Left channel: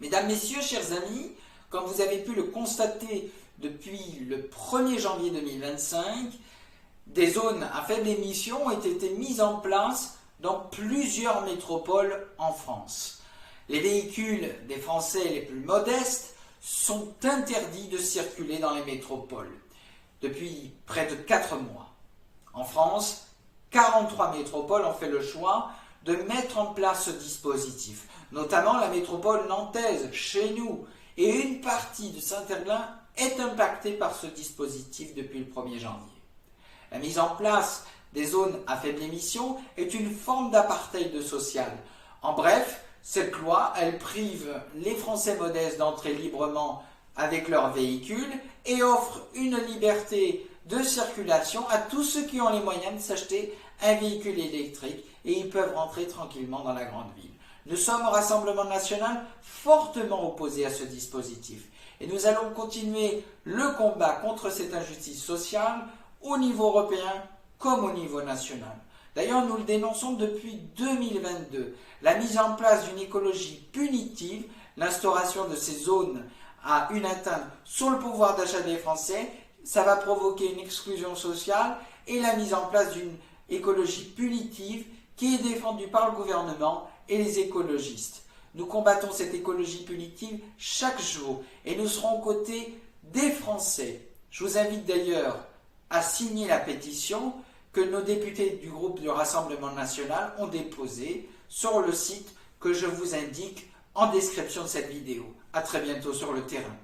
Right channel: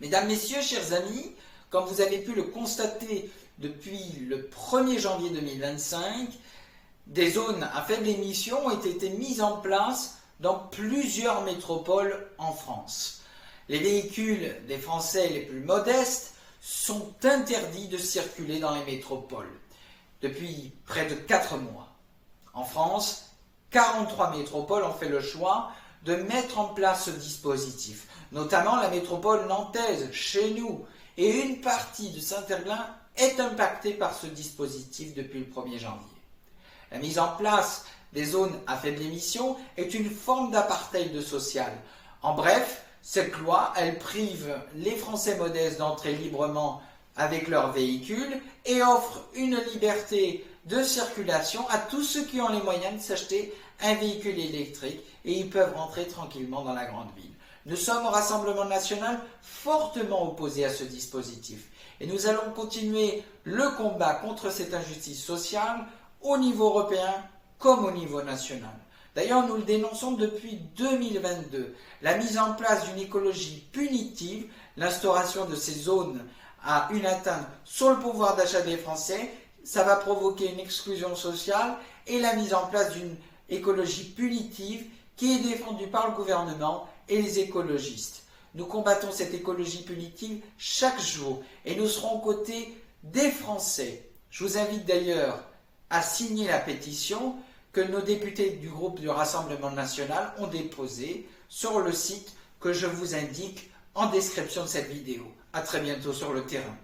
Mesdames, Messieurs, chers amis, comme vous avez pu le constater depuis le 1er janvier 2025, des zones à faible émission ont été mises en place dans plusieurs métropoles en France. Les véhicules des Français les plus modestes sont interdits de circuler dans les métropoles depuis près de 4 mois. En France, 43 métropoles ont fait le choix de mettre en place ce dispositif, notamment la métropole nantaise, chez nous, et une partie de Saint-Herblain est impactée par ce dispositif depuis le 1er janvier. La mise en place des zones à faible émission est une forme d'apartheid social. En bref, cette loi, elle prive les Français modestes d'entrer librement avec leurs véhicules et offre une liberté de circulation à tous ceux qui ont les moyens de s'acheter un véhicule électrique et ils peuvent rentrer tranquillement dans la grande ville. Nous sommes au Rassemblement national fortement opposés à ce dispositif et nous allons continuer le combat contre cette injustice sociale au niveau européen comme au niveau national. D'ailleurs, nous le dénonçons depuis 2022. La mise en place d'une écologie punitive, l'instauration de ces zones à une atteinte sur le pouvoir d'achat des Français, ça va provoquer une exclusion sociale et la mise en place d'une écologie punitive qui est défendue par le gouvernement et les écologistes. Nous combattons cette écologie punitive chaque jour et nous serons aux côtés des Français. Je vous invite d'ailleurs à signer la pétition que nos députés du groupe du Rassemblement national ont déposée sur le site que je vous indique en description de cette vidéo. À très bientôt sur le terrain.